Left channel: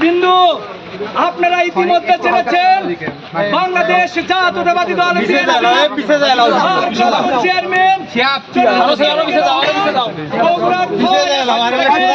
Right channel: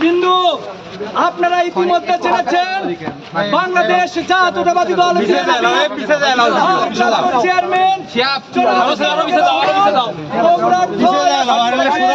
বিন্দু আপনারা ইতিমধ্যে জেনেছেন বাংলাদেশ জাতীয়তাবাদী দল চেয়ারম্যান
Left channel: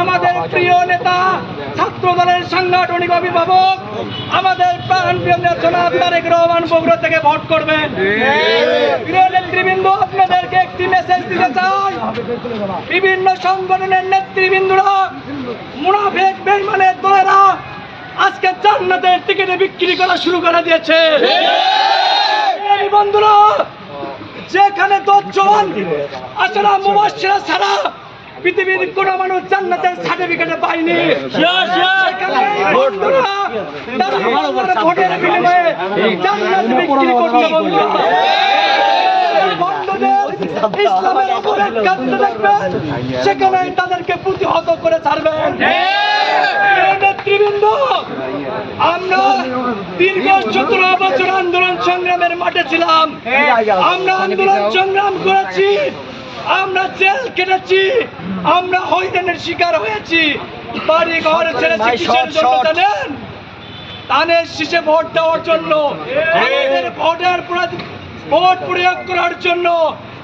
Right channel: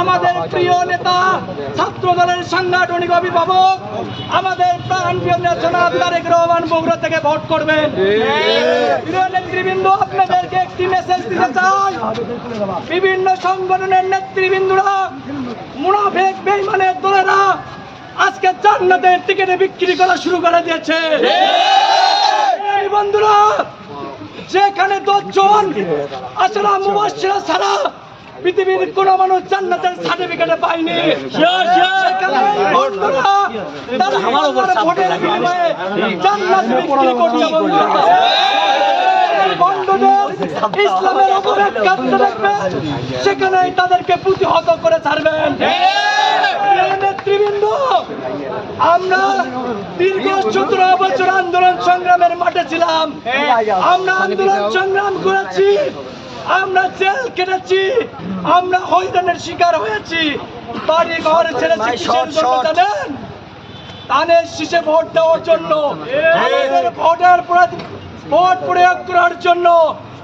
আমাদের প্রিয় নেতা ছাত্র দলের সাংগঠনিক অভিভাবক, আমাদের তারেক রহমান বগুড়া থেকে ভোট করবেন। প্রিয় নেতৃবৃন্দ, আপনাদেরকে একটি মেসেজ দিতে চাই। বিভিন্ন সংগঠনের নেতৃবৃন্দরা মুনাফেক বেইমানের দ্বারা আজকে জান্নাতের টিকিটে বিক্রি করা শুরু করে দিয়েছে। বন্ধুরা, যেখানে দশজন আসলে মুবাসিরা ছাড়া পৃথিবীর কোন মানুষ জান্নাতের সার্টিফিকেট পায়নি। সেখানে এই বন্ধুরা তারা আমার ভোটের বিনিময়ে জান্নাত বিক্রি করছে বন্ধুরা। ইসলামের উপর এক কান্ত দেখবেন সেখানে তাদেরকে প্রতিহত করে ছাড়বেন। নেতৃবৃন্দ আমরা দীর্ঘ সতেরো বছর আন্দোলন সংগ্রামের মাঠে ছিলাম। আমরা আন্দোলন সংগ্রাম করেছি আমরা জেল কেটেছি আমরা হয়রানের শিকার হয়েছি। বাড়ি ঘর ছেড়েছি কিসের জন্য জানেন ধানের শীষে ভোট দেওয়ার জন্য আমাদের ভোটার ভোট প্রয়োগ করার জন্য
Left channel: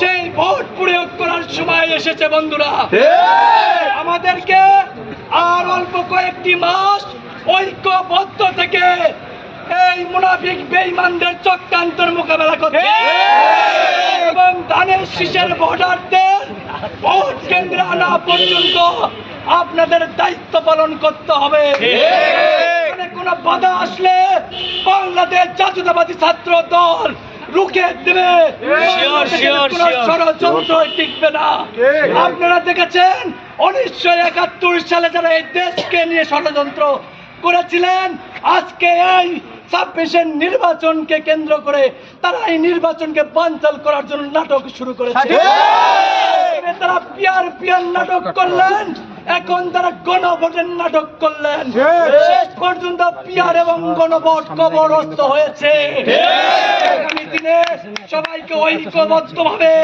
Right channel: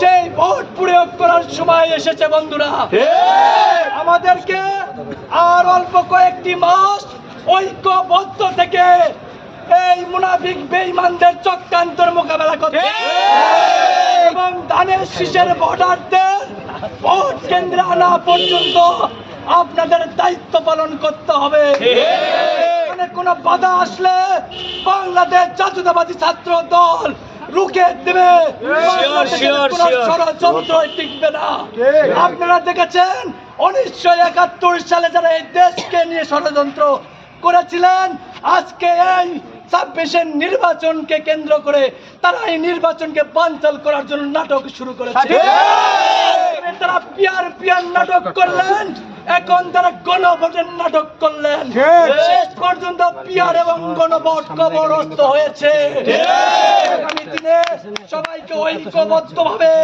সেই ভোট প্রয়োগ করার সময় এসেছে বন্ধুরা। আমাদেরকে আর অল্প কয়েকটি মাস ঐক্যবদ্ধ থেকে এই মুনাফিক বেইমানদের চক্রান্তর মোকাবেলা করতে এবং ধানের শীষের ভোটারদের ভোট কেন্দ্রে আনা পর্যন্ত আপনাদের দায়িত্ব পালন করতে হবে। কোনো বাধা আসলে বাংলাদেশ জাতীয়তাবাদী ছাত্র দল রুখে দেবে। ষড়যন্ত্র টিকবে না। আপনারা দেখেছেন উনিশশো একাত্তর সালে যারা এই দেশকে নিয়ে ষড়যন্ত্র করেছিলেন আজকে এই ছাব্বিশের নির্বাচনকে কেন্দ্র করে তারা এই নির্বাচনকে বানচাল করার জন্য নাটক শুরু করেছে। তারা পিয়ার পিয়ার নাটক করলেন এখন তারা গণভোটের নাটক করলেন। শেষ। পর্যন্ত পিয়ার এবং গণভোট কবরস্থ হয়েছে। সবাইকে ঐক্যবদ্ধ ভাবে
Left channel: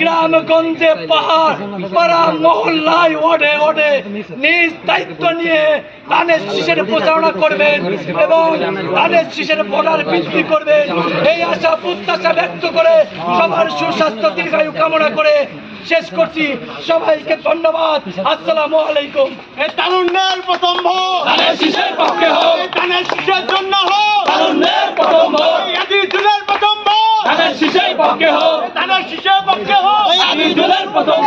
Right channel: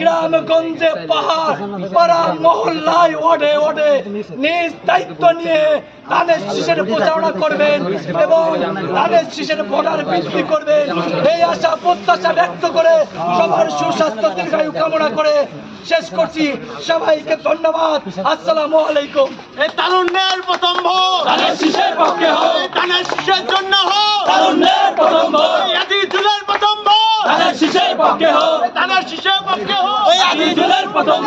গ্রাম গঞ্জে পাহাড় পাড়া মহল্লায় ওডে ওডে নিজ দায়িত্ব নিয়ে ধানের শীষের প্রচারণা করবেন এবং ধানের শীষের ভোটার বৃদ্ধি করবেন। এই আশা প্রত্যাশা ব্যক্ত করে সবার সুস্বাস্থ্য দীর্ঘায়ু কামনা করে শেষ করছি। সবাইকে ধন্যবাদ। আসসালামু আলাইকুম। এই তারুণ্যের প্রথম ভোট ধানের শীষের পক্ষে হোক। ধানের শীষের জন্য হোক। পক্ষে হোক। থানার ধানের শীষের পক্ষে হোক। জেলার প্রথম